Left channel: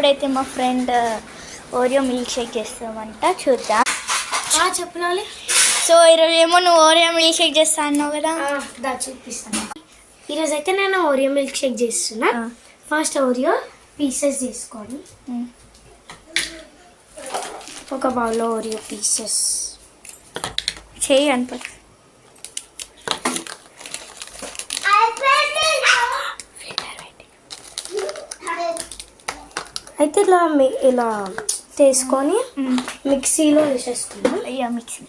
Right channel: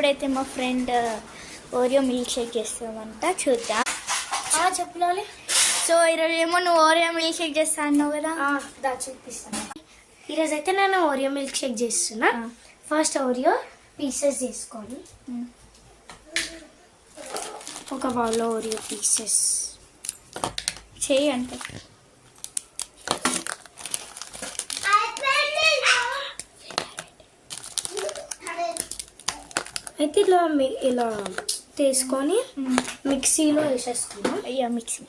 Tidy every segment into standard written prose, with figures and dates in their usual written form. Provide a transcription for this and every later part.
ఇప్పుడైతే మా friend Oreo milk shake చేస్తామంట, చూద్దాం. చెప్పాలి. సో ఈరోజు ఏమో నువ్వు ఓరియో మిల్క్ షేక్ చేస్తా అన్నావు కదా, చూపిస్తాను. ఈరోజు అయితే నేను ఓరియో మిల్క్ షేక్ చేస్తున్నా. ఫస్ట్ ఓరియో పీసెస్ తీసుకోండి. ఒక బౌల్లో ఓరియో పీసెస్ చేయి అనిపిస్తుంది. అయితే ఇలా తీసుకొని మిక్సీలో వేసేసుకున్నాం. అయ్యా మిక్సీ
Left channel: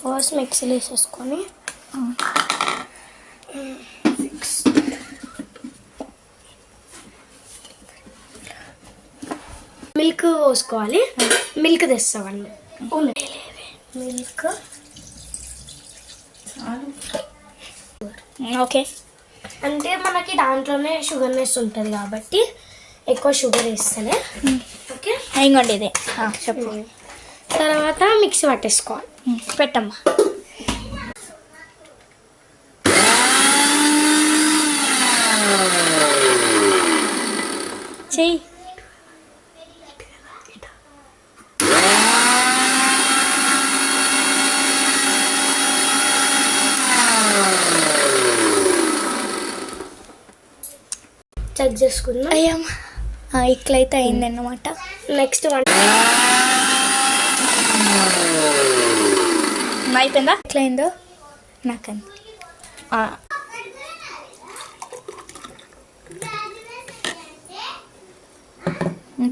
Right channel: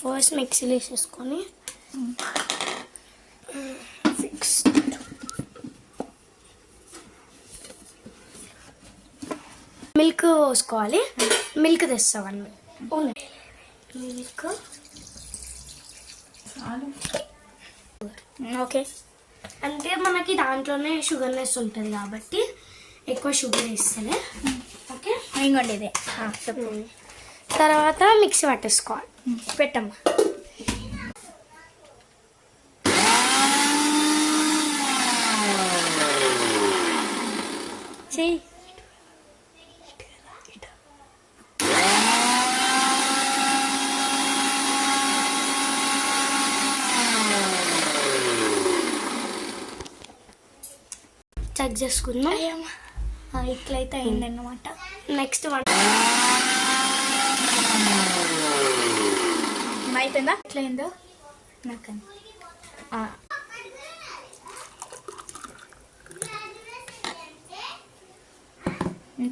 ఫస్ట్ మిక్సీలో వేసేసుకొని మిల్క్ పోసుకోవాలి. మిల్క్ తెస్తామండి. Milk okay. అంటే మనకి దాంట్లోనే షుగర్నెస్ ఉంటుంది కాబట్టి ఎక్కువ షుగర్ వేస్తేనే. ఓకే, ఇంకోండి ఇది చెప్పు. తర్వాత మిక్సీ పట్టేసుకోవాలి. పెట్టమ్మా. చెయ్యి. చెక్ చేసుకుందాం. అయ్యమ్మా ఇట్లయితే అయిందన్నమాట. నెక్స్ట్ అయిపోయిందా? ఎట్లయిందో నాకంది.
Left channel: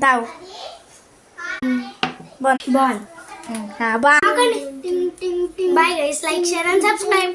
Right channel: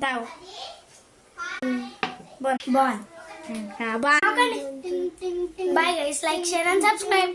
తావు బాగుంది. బాగా. Bye guys, like, share and subscribe.